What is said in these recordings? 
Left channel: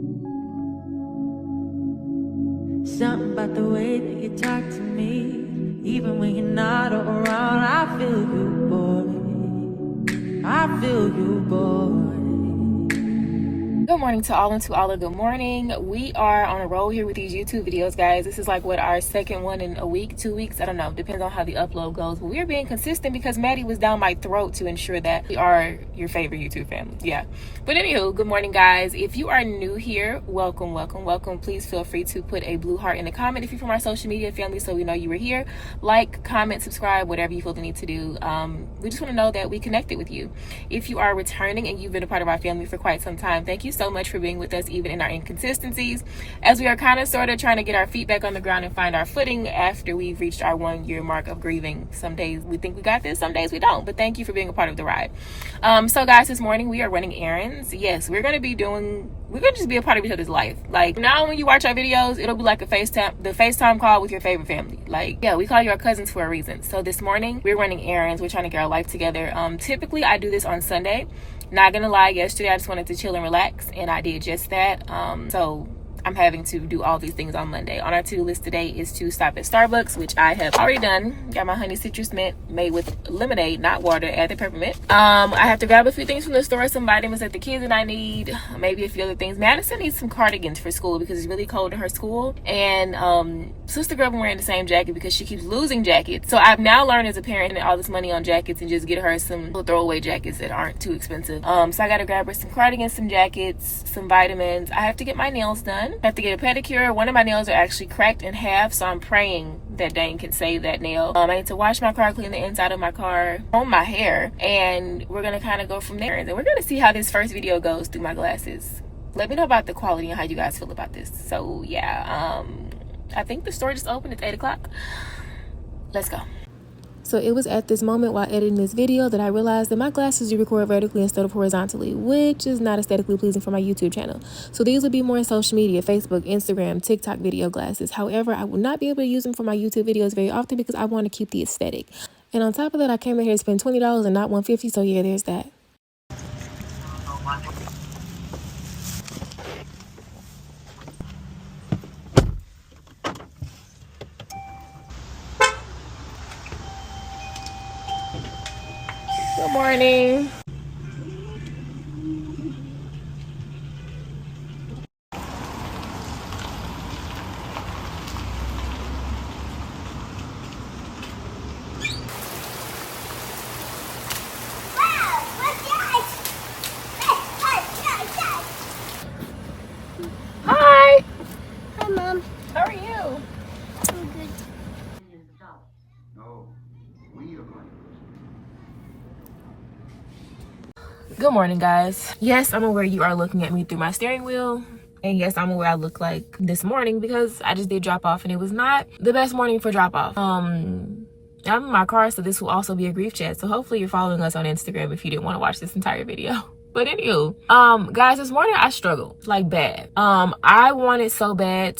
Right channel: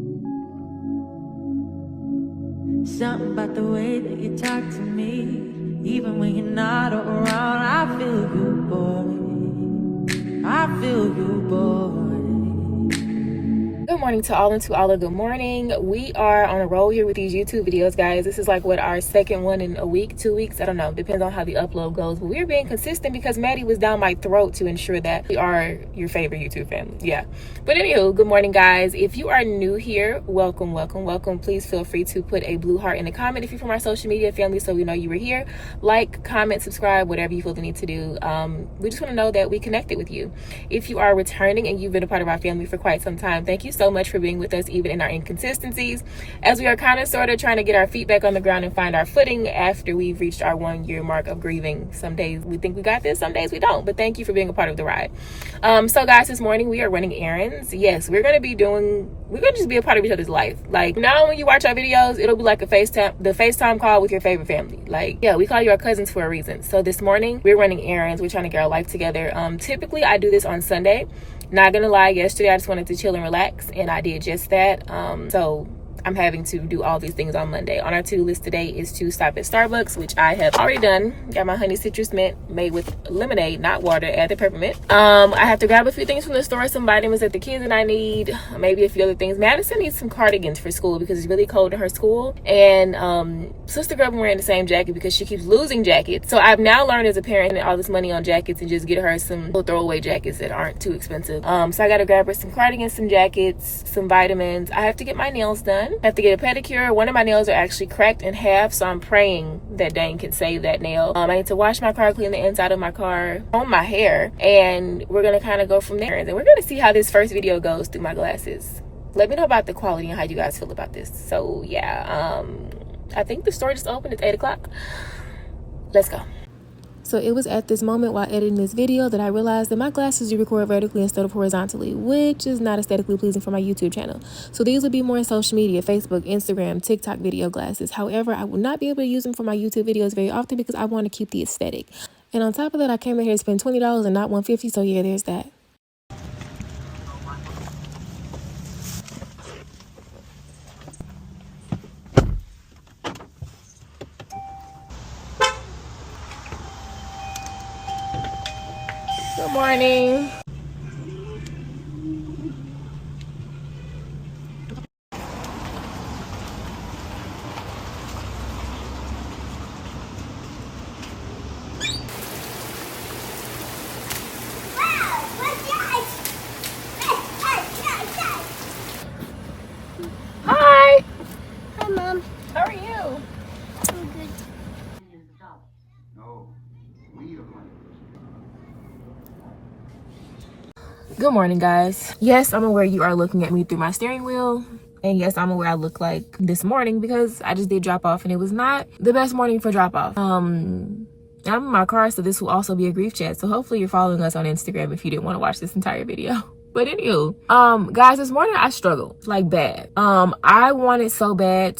Something about the way that you talk to me, even when you're not around, I feel you, boy. I feel you, boy. Good morning to all and to all. Good morning. We are on a roll here with these YouTube videos, guys. This is like what, our second one in a week, 2 weeks, I don't know, depends on how the upload goes, but we're being consistent because Maddie was down my throat to ensure that we are your favorite YouTube family. Yeah, but anywho, good morning, guys. If you are new here, welcome. Please feel free to put a blue heart in the comment if you're from our social media family, so we know you were here. Like, comment, subscribe, whatever you feel the need to do. We just want to know that we connected with you. If you are returning and you've been a part of our family for quite some time, thank you so much for being with us even in our inconsistencies, as we are kind of sort of trying to get our feet back on the ground and find our footing after we've reached our 1 year mark of grieving. Some days we think we got this, some days we don't, but thank you for being a part of the ride. So guys, this morning we are running errands. Yes, we're gonna just be a part of each other's life. Like, now when you watch our videos, it'll be like the FaceTime call with your favorite family. Like, yeah, we call you our cousins for a reason. So this morning we're running errands. We're trying to get our life together. Typically I do this on Sunday. Not gonna lie, yesterday I just wanted to chill and relax, and I did just that. So I'm having to do all these things on Monday. On our to-do list today is to stop at Starbucks, which I have already done. Got my honey citrus mint made with lemonade, not water, add the peppermint. I have to grab a few things from the store, some vitamins that the kids and I need, maybe a few other things. Madison needs some cardigans for school because it's really cold in her school, and Sister Girl been wearing the same jacket because she keeps losing jackets. So I've now learned as a parent all this money on jackets and just get her some little throwaway jackets that aren't too expensive. So I gotta grab her some cardigans, some jackets, some vitamins. I have to get my nails done. I have to get a pedicure. One of my nails are actually cracked in half, so I'm praying that Dane can save that nail. I need to wash my car, clean the inside of my car, comb my hair, and we're gonna kind of go from there. And then we're gonna see how this first video goes through my glasses. Let me know about the quality and how you guys feel about this. So yeah, I think the store just opened. It's 8 o'clock. Let's go. So it was at this moment while editing this video that I realized that my glasses do record vertically instead of horizontally, which is not aesthetically pleasing for my YouTube channel. So these would be more in social media, Facebook, Instagram, TikTok video glasses. However, I will not be able to use them for my YouTube videos very often because I want to keep the aesthetic. And on top of that, I came in here to spend $20 and not $150. So yeah, there's that. Good morning. Hi. Hi, Mom. How are you? I'm good. Good morning, guys. Yes, I'm aware you are looking at me through my steering wheel. And yes, I'm aware I look like this morning because I just did drop off and it was not the best morning for drop off. I'm in my car, so this will also be a grief chat. So hopefully you're following us on Instagram if you didn't want to watch this entire video. But anywho, guys, this morning I struggled like bad. I wanted so bad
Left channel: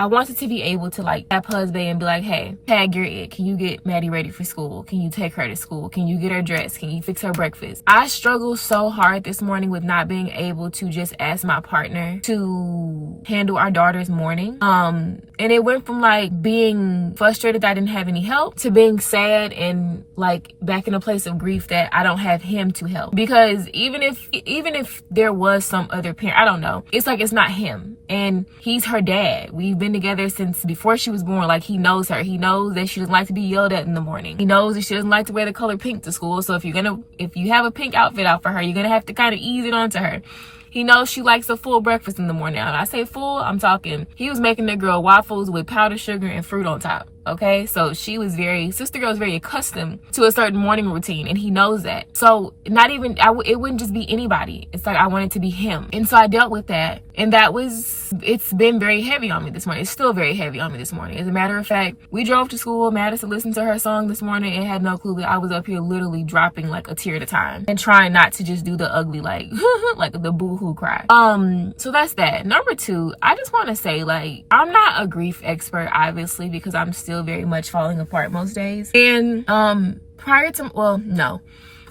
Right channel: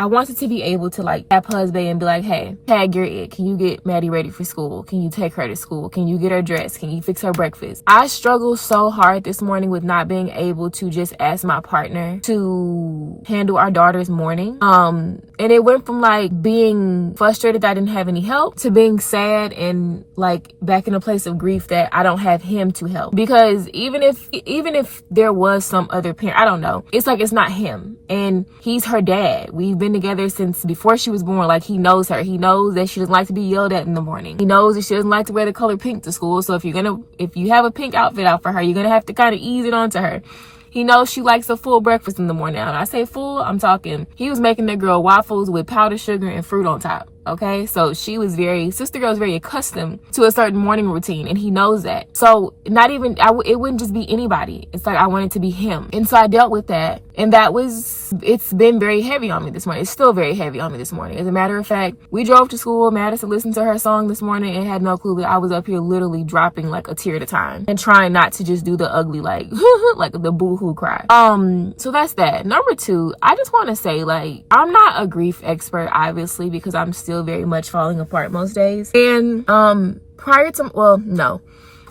I wanted to be able to like tap husband and be like, hey, tag your it. Can you get Maddie ready for school? Can you take her to school? Can you get her dressed? Can you fix her breakfast? I struggled so hard this morning with not being able to just ask my partner to handle our daughter's morning. And it went from like being frustrated that I didn't have any help to being sad and like back in a place of grief that I don't have him to help. Because even if there was some other parent, I don't know. It's like it's not him. And he's her dad. We've been together since before she was born. Like, he knows her. He knows that she doesn't like to be yelled at in the morning. He knows that she doesn't like to wear the color pink to school. So if you have a pink outfit out for her, you're gonna have to kind of ease it onto her. He knows she likes a full breakfast in the morning. When I say full, I'm talking, he was making that girl waffles with powdered sugar and fruit on top. Okay, so Sister Girl is very accustomed to a certain morning routine, and he knows that. So it wouldn't just be anybody. It's like I want it to be him. And so I dealt with that, and it's been very heavy on me this morning. It's still very heavy on me this morning. As a matter of fact, we drove to school. Madison listened to her song this morning and had no clue that I was up here literally dropping like a tear at a time and trying not to just do the ugly like like the boo-hoo cry. So that's that. Number two, I just want to say, like, I'm not a grief expert, obviously, because I'm still very much falling apart most days. And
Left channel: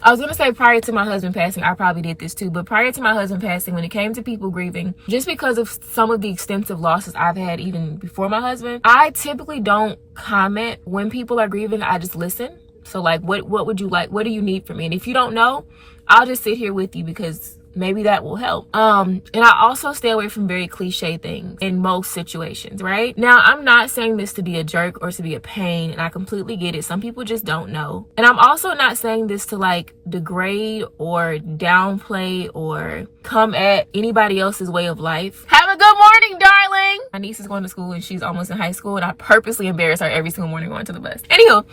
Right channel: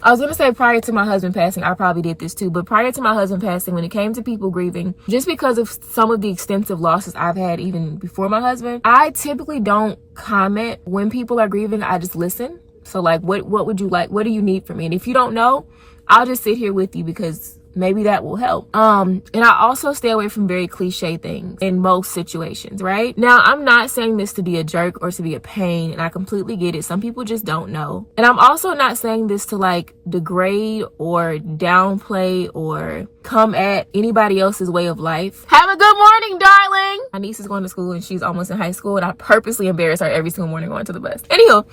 I was going to say prior to my husband passing, I probably did this too. But prior to my husband passing, when it came to people grieving, just because of some of the extensive losses I've had even before my husband, I typically don't comment when people are grieving. I just listen. So like, what would you like? What do you need from me? And if you don't know, I'll just sit here with you because maybe that will help. And I also stay away from very cliche things in most situations, right? Now, I'm not saying this to be a jerk or to be a pain, and I completely get it. Some people just don't know. And I'm also not saying this to like degrade or downplay or come at anybody else's way of life. Have a good morning, darling. My niece is going to school and she's almost in high school, and I purposely embarrass her every single morning going to the bus. Anywho,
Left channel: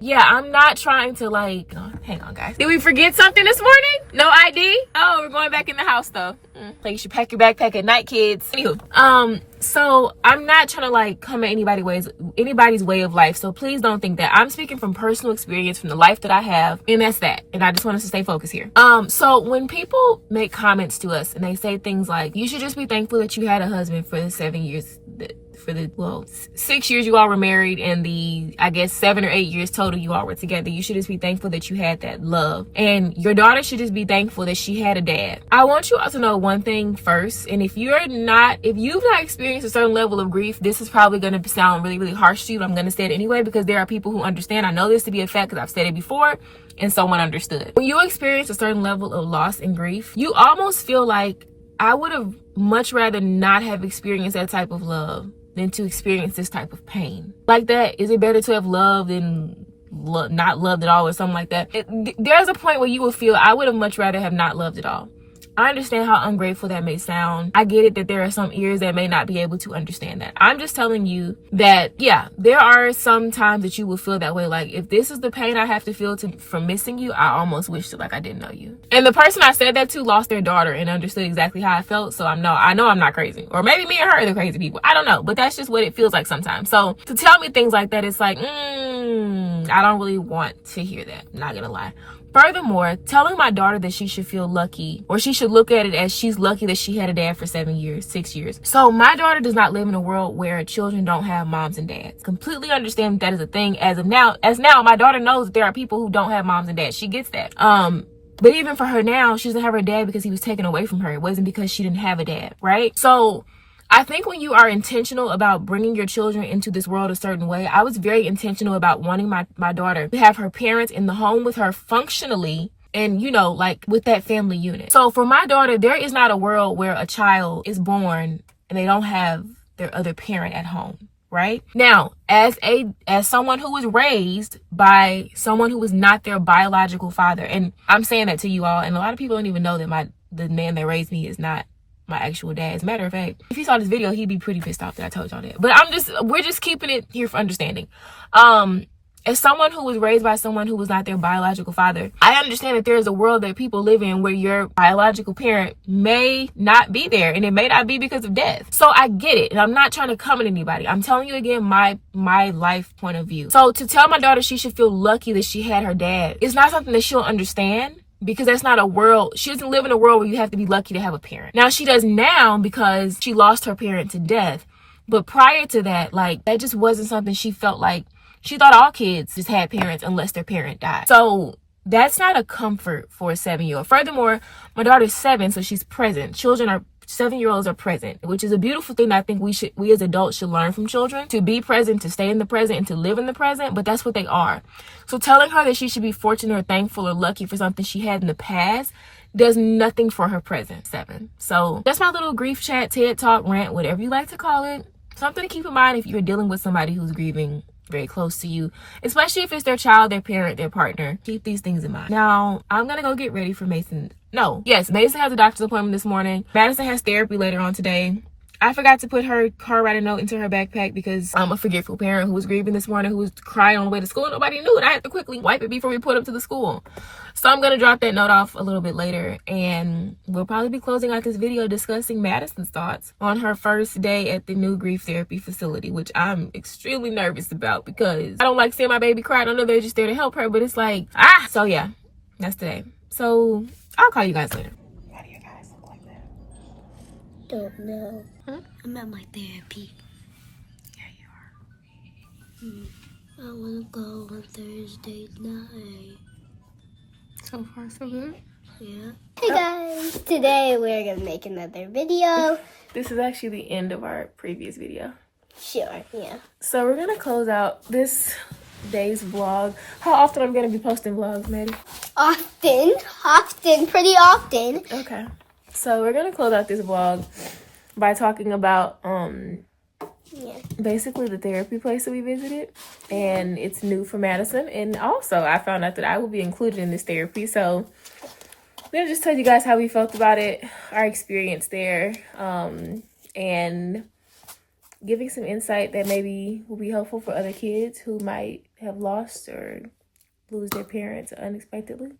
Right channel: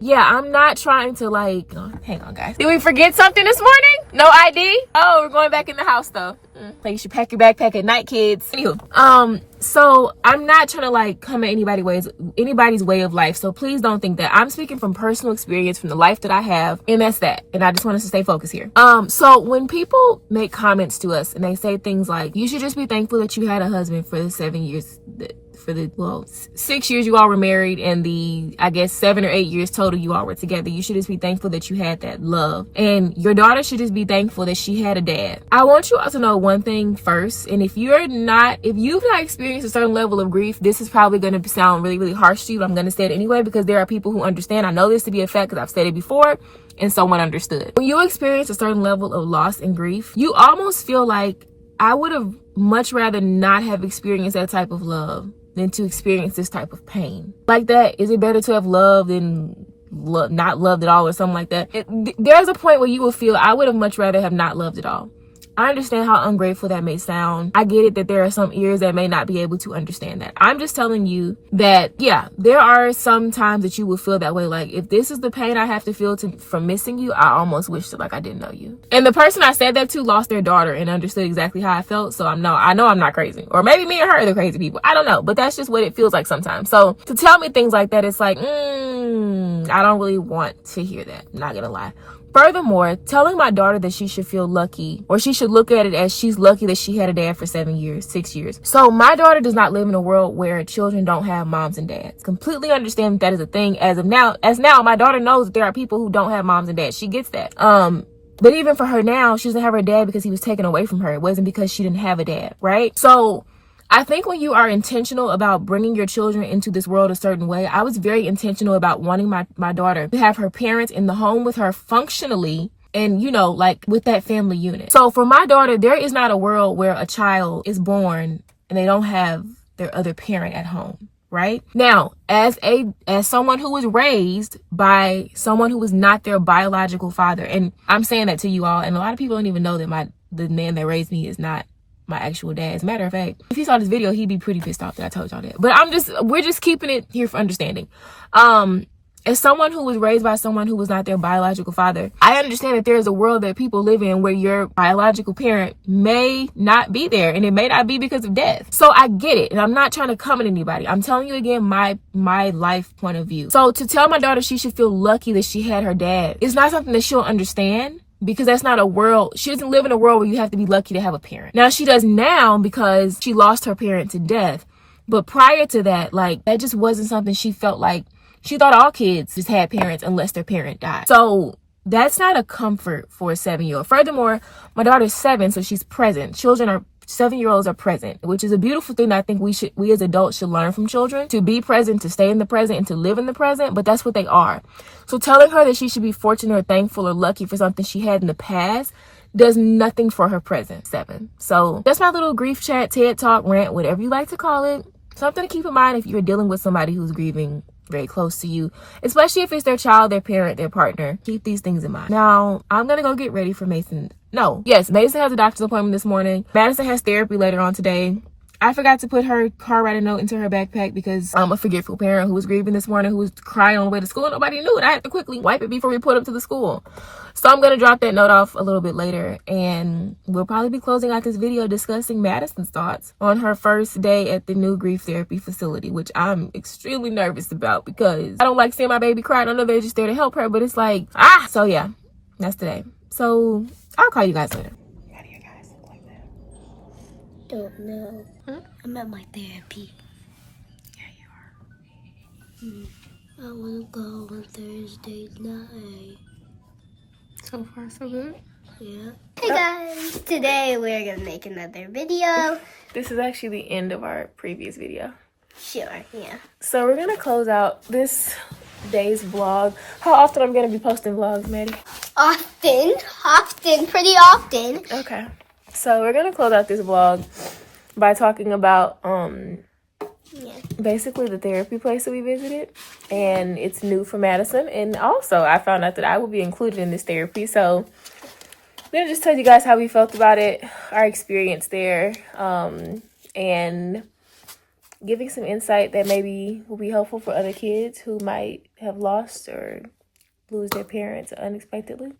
yeah, I'm not trying to like, oh, hang on guys. Did we forget something this morning? No ID? Oh, we're going back in the house though. Like you should pack your backpack at night, kids. Anywho, so I'm not trying to like come at anybody's way of life. So please don't think that. I'm speaking from personal experience, from the life that I have, and that's that. And I just want us to stay focused here. So when people make comments to us and they say things like, you should just be thankful that you had a husband for the 7 years, for the 6 years you all were married, and the I guess 7 or 8 years total you all were together. You should just be thankful that you had that love, and your daughter should just be thankful that she had a dad. I want you all to know one thing first, and if you've not experienced a certain level of grief, this is probably going to sound really, really harsh to you, but I'm going to say it anyway because there are people who understand. I know this to be a fact because I've said it before and someone understood. When you experience a certain level of loss and grief, you almost feel like, I would have much rather not have experienced that type of love than to experience this type of pain. Like that, is it better to have loved than not loved at all or something like that? There's a point where you will feel, I would have much rather have not loved at all. I understand how ungrateful that may sound. I get it that there are some ears that may not be able to understand that. I'm just telling you that, yeah, there are some times that you will feel that way. Like, if this is the pain I have to feel from missing you, I almost wish that like I didn't know you. And the person I said that to lost their daughter and understood exactly how I felt. So I know I'm not crazy. Or maybe me and her are the crazy people. I don't know. But that's just what it feels like sometimes. So to tell me things like that, it's like, I don't really want to hear that. I'm not gonna lie. Furthermore, telling my daughter that she should feel lucky, or she should look at it as she's lucky that she had a dad for 7 years, 6 years. So my daughter does not live in a world where children don't have moms and dads. Completely understand that is a thing as of now. As now, my daughter knows that there are people who don't have moms and dads. She gets that. But even for her now, she doesn't have her dad because he was taken away from her. It wasn't because she didn't have a dad, right? So I think when you are intentional about bringing your children into this world a certain way, I was very intentional about wanting my daughter to have her parents in the home with her functionally, and like with that family unit. So for my daughter, there is not a world where a child is born and they don't have their other parent at home, right? Now, as someone who was raised by someone who was not their biological father, and I'm saying that to you all, and a lot of people don't even know that the man that raised me is not my actual dad. As a matter of fact, if he saw this video, he'd be pretty pissed off that I told y'all that. But we're just keeping it here for understanding. As someone who was raised by someone who was not their biological father, I understand that there is a world that people live in where your biological parent may not be there, and it may not be because of death. So I get it, and I'm not trying to come at anybody. I'm telling you again my life point of view. So to tell my daughter she should feel lucky that she had her dad, it's not something that she'll understand. Because that's not a world. She doesn't live in a world where you have to be lucky to have a parent. Now she does now because she lost her parent to death. But prior to that, like, that just wasn't something she felt like. She thought all kids just had parents unless their parent died. So that's not a comfort for a 7-year-old. Furthermore, my daughter's 7, so she's present. 7-year-olds are present, which is a beautiful thing that I think we as adults should learn from children, to be present, to stay in the present, and to live in the present. But that's what they are. So telling her that she should be fortunate or thankful or lucky for something she had in the past does nothing for her present. 7. So that's my little grief chat, TED Talk, rant, whatever you like to call it. Something to keep in mind if you're dealing with somebody who's grieving very close to you, especially if it's their child, their parent, their partner. Keep these things in mind. Now, I'm gonna go get ready for Mason. Mason has a doctor's appointment this morning. Madison has therapy later on today. I forgot to put her car writer note into her backpack because I'm a forgetful parent who was grieving this morning, who was crying on the way to school. Nobody knew it. I had to quickly wipe it before we put up to the school. So I'm going to drop that note off a little bit later, and we'll probably be closing out this video discussing Madison's thoughts on her first day at the new grief therapy facility, which I'm extremely nervous about because I don't like seeing my baby cry. I know they're just there to help her, but it's like, so yeah, that's today. So I'll call you guys later. How do you guys look like that? Don't know. I'm at my therapy. Yeah, you are. I want to go on Thursday night. So far, so good. Yeah. Hey guys, today we're gonna make another video. This is actually the end of our previous video. Sure, yeah. So we're gonna close out this day's vlog. How often I'm gonna be posting vlogs, Maddie? Pretty often. Okay. So we're gonna close out this vlog by talking about basically the therapy place that we visited, and it's new for Madison, and also I found out that I will be included in this therapy. So I'm gonna just tell you guys how we felt about it, our experience there, and giving some insight that maybe will be helpful for other kids who might have lost or lose their parents unexpectedly.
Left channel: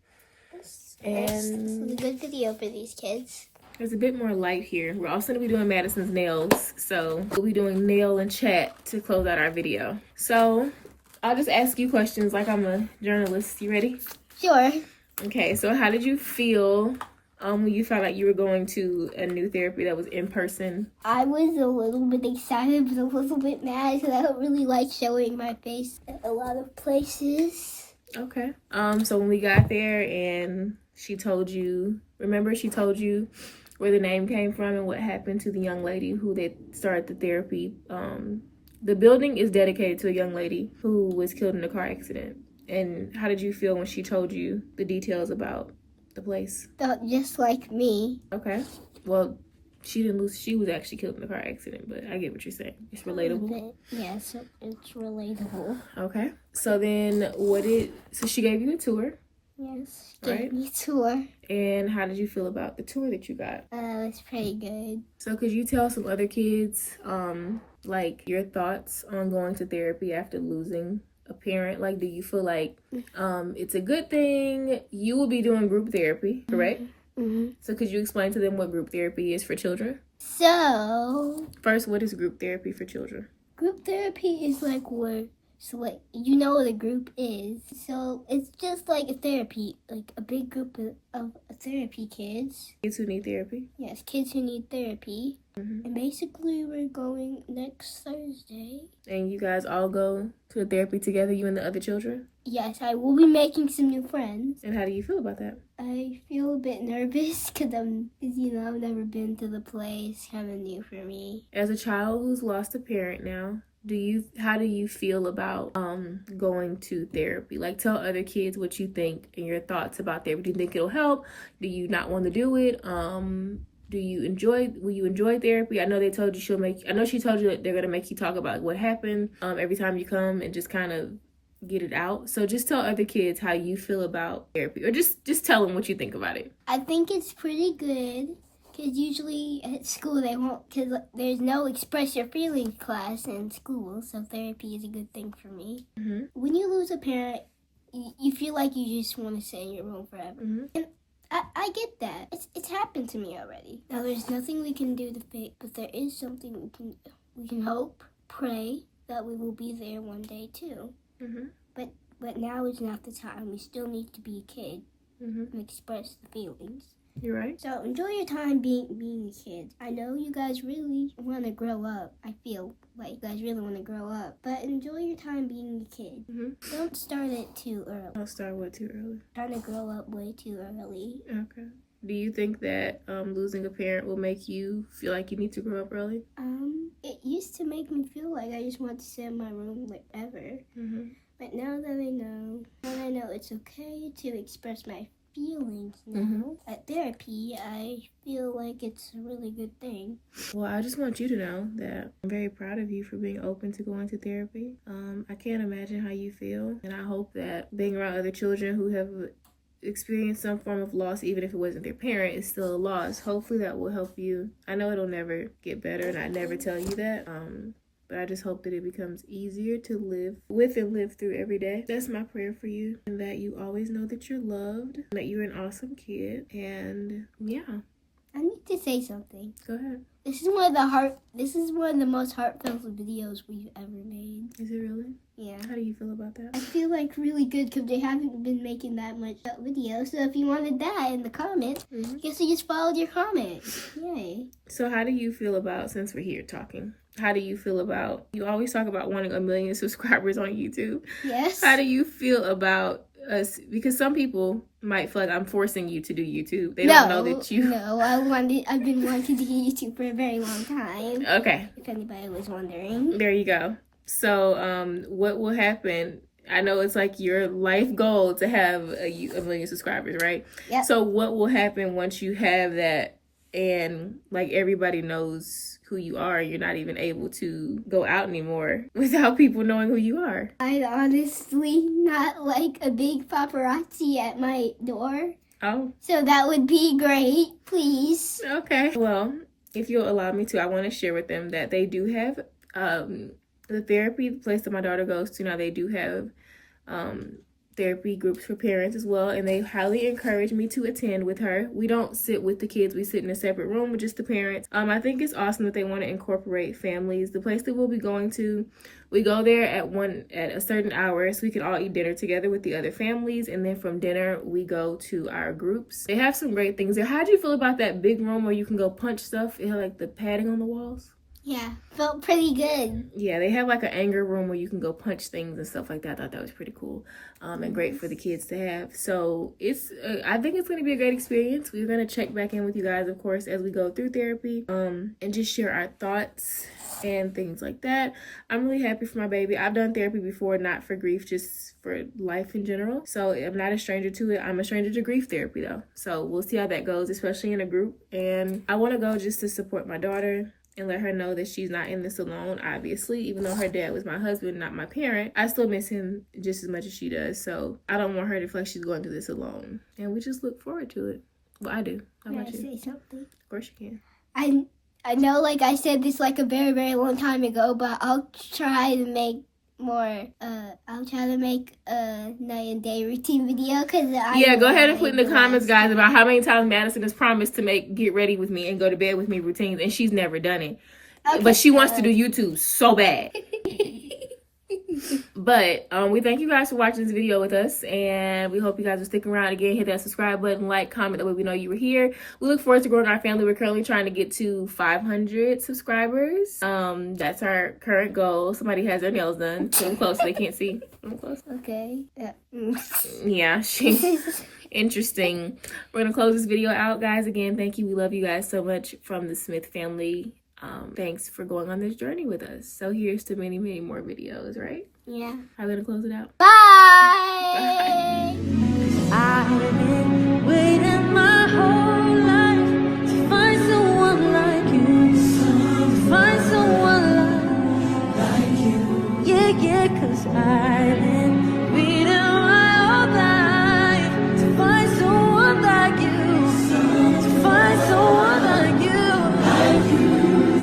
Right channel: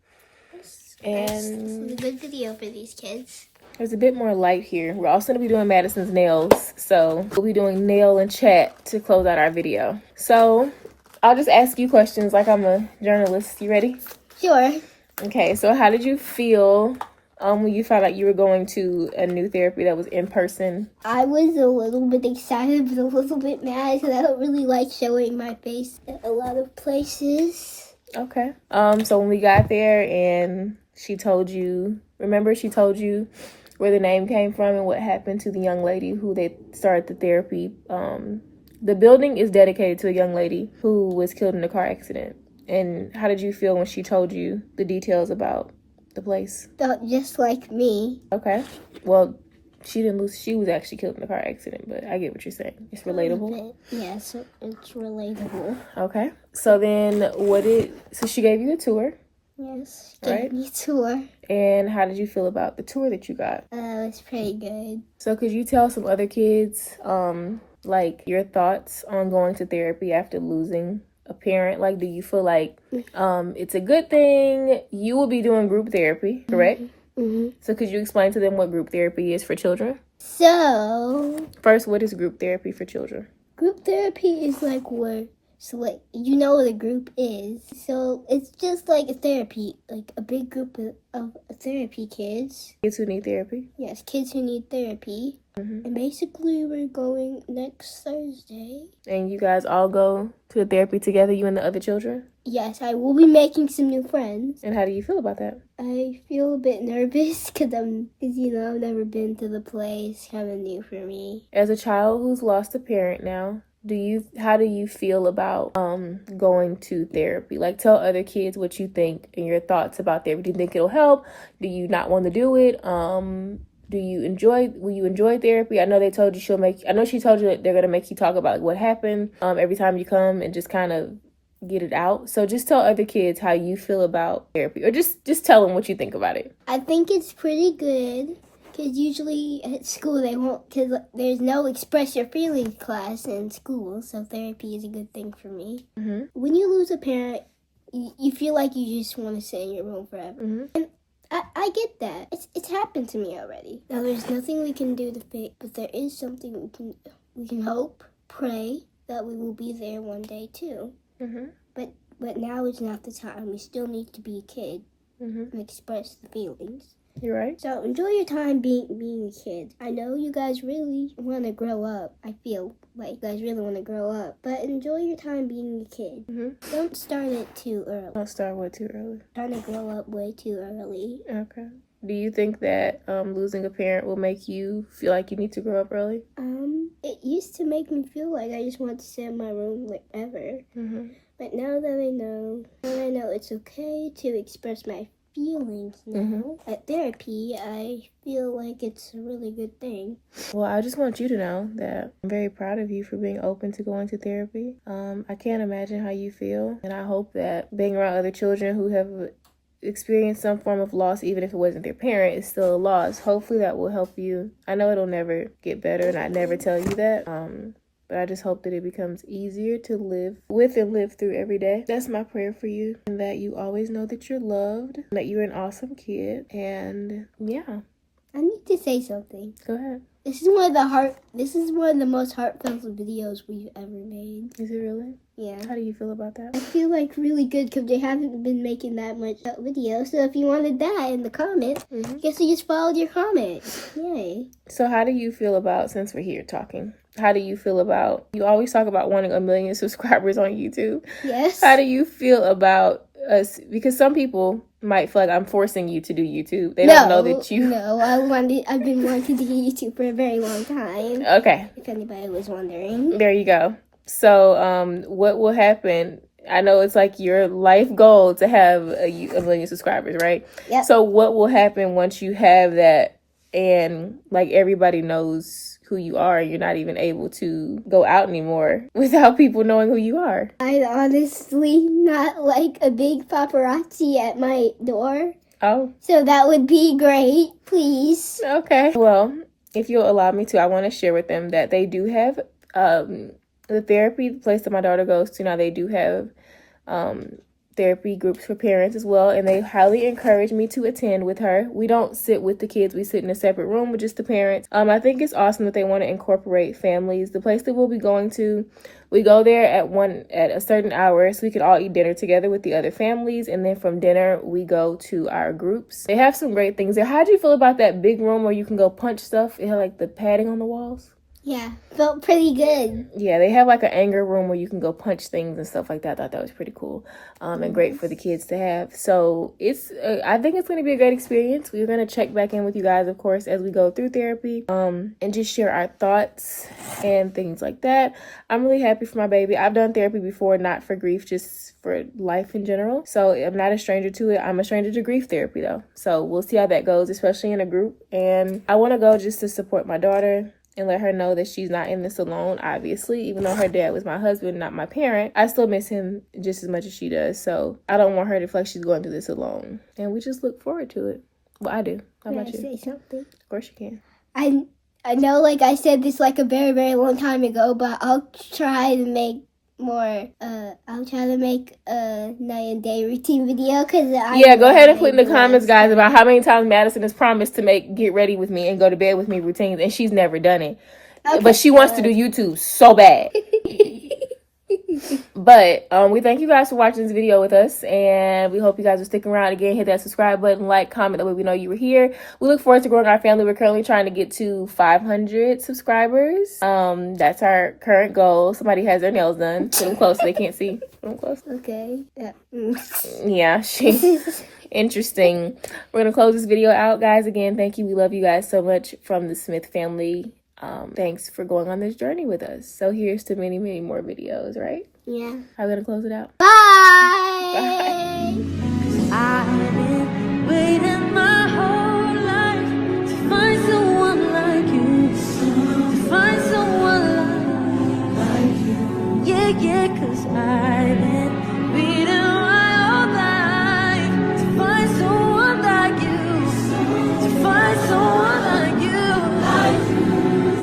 And This is a good video for these kids. there's a bit more light here. We're also going to be doing Madison's nails. So we'll be doing nail and chat to close out our video. So I'll just ask you questions like I'm a journalist. You ready? Sure. Okay, so how did you feel when you found out you were going to a new therapy that was in person? I was a little bit excited, but a little bit mad because I don't really like showing my face at a lot of places. Okay. So when we got there and she told you where the name came from and what happened to the young lady who they started the therapy. The building is dedicated to a young lady who was killed in a car accident. And how did you feel when she told you the details about the place? Felt just like me. Okay. Well, she didn't lose. She was actually killed in a car accident, but I get what you're saying. It's relatable. Yeah, so it's relatable. Okay. So then so she gave you a tour. Yes, Right. gave me a tour. And how did you feel about the tour that you got? It was pretty good. So could you tell some other kids, like your thoughts on going to therapy after losing a parent? Like, do you feel like it's a good thing? You will be doing group therapy, correct? Mm-hmm. So could you explain to them what group therapy is for children? So, First, what is group therapy for children? group therapy is like where, so like, you know what a group is. So, it's just like a therapy, like a big group of therapy kids. Kids who need therapy? Yes, kids who need therapy. Mm-hmm. And basically, we're going next Thursday. And you guys all go to the therapy together, you and the other children? Yes, I will be making some new friends. And how do you feel about that? I feel a bit nervous because I've never been to the place. Kind of new for me. As a child who's lost a parent now, how do you feel about going to therapy? Like, tell other kids what you think and your thoughts about therapy. Do you think it'll help? Do you not want to do it? Will you enjoy therapy? I know they told you she told you that they're gonna make you talk about what happened every time you come and just kind of get it out. So just tell other kids how you feel about therapy, or just tell them what you think about it. I think it's pretty good because usually at school they won't, because there's no express your feelings class in school, so therapy is a good thing for me. Mm-hmm. When you lose a parent, you feel like you just want to sit in your room forever. Mm-hmm. And I get that. It's happened to me already. Now there's nothing we can do to fix, but there is something we can hope, pray that we will be there one day too. Mm-hmm. But now is not the time. We still need to be a kid Mm-hmm. and express the feelings. You're right. So enjoy your time being a kid. I know you guys really want to grow up. I feel like you guys really want to grow up. But enjoy your time being a kid. Mm-hmm. Don't start it too early. Don't start way too early. Trying to grow up way too early. Okay. Do you think that losing a parent will make you feel like you need to grow up early? It used to make me feel like I just want to sit in my room like ever. Mm-hmm. But now that I know it's okay to express my feelings now at therapy, I feel like it's a really good thing. Well, I just want you to know that I'm very proud of you for being open to going to therapy. I can't imagine how you feel, and I hope that being around other children who have experienced some form of loss, even if it wasn't their parent, is still a loss. Hopefully that will help you. I know it'll never get better, and I never tell you that. But I just hope that it becomes easier to live with and live through every day. That's my prayer for you, and that you always know that you're loved, and that you're an awesome kid, and yeah. I need to say something. Go ahead. This is one of the most heartfelt videos we've ever made. Is it really? Yeah. How do you feel about that? I feel like really good because they haven't been making that much video. So if you wanted that in the comments, guess you just followed your comment. Yay. So how do you feel about, since we're here talking, how do you feel about, you always talk about wanting 1 million subscribers on YouTube. Yes. How do you feel about us? Because some people might feel like I'm forcing you to do YouTube. They don't know that you... No, I've been wanting to do YouTube for a very long time. Okay. If anybody was wondering. There you go. So what will happen? I know it's like your life goal to have a million subscribers, right? Yeah. So what will happen once you have that and like everybody knows who you are? You're not even able to go out anymore without people knowing who you are. I'd honestly not like a big paparazzi at my door. Oh. So that would be great, please. Okay. Well, if you'll allow me to, I want to share with them that they do have the therapy, the place that my daughter goes to now, they do have therapy groups for parents as well, and they highly encourage me to attend with her. We don't sit with the kids, we sit in a separate room with just the parents. I think it's awesome that they want to incorporate families. The place that we'll be going to, we go there at a certain hour so we can all eat dinner together with the other families, and then from dinner we go to our groups. They have some great things there. How do you feel about that big room where you can go punch stuff? It had like the padding on the walls. Yeah, felt pretty good. Yeah, they have like an anger room where you can go punch things and stuff like that. I thought that was pretty cool and great for the kids to have. So it's, I think it's going to be a great experience. We're going to check back in with you guys, of course, as we go through therapy and just share our thoughts and things like that. I'm really happy for my baby. I've done therapy before, not for grief, just for life in general. So I'm not a stranger to it. I'm a stranger to grief therapy though. So we'll see how that goes, especially in a group. And I want to go just to support my daughter and let her know that she's not in this alone, obviously. Even though her dad was my husband, not my parent, I still miss him just as much as she does. So I don't want her to feel like she's going through this alone. And we just look forward to it. Well, I do. How about you? Can I say something? Of course you can. I know, like, I said this, like, a very, very long time ago, but I'll try to make a night and day routine video, because go ahead and put in the comments, guys, about how many times Madison has promised to get ready with me and go to bed with me routines, and she's never done it. Okay, but she wants to do YouTube so bad. But we thank you guys for watching this video with us, and we hope you guys will stick around. Again, hit that subscribe button, like, comment, that way we know you were here. We look forward to growing our family. We're currently trying to get to 500 subscribers. That's our current goal. Somebody has their nails done. Put them close so they can't see. Put them close. Okay. Yeah. Yeah, interesting. We're gonna close this video out, guys. Again, thank you. We love you guys so much from the Smith family. Thanks for going on this journey with us. So here's to many, many more videos, right? Yeah. How are we gonna close it out? Bye! I've been waiting my whole life to find someone like you. To find someone like you. Yeah, 'cause I've been waiting my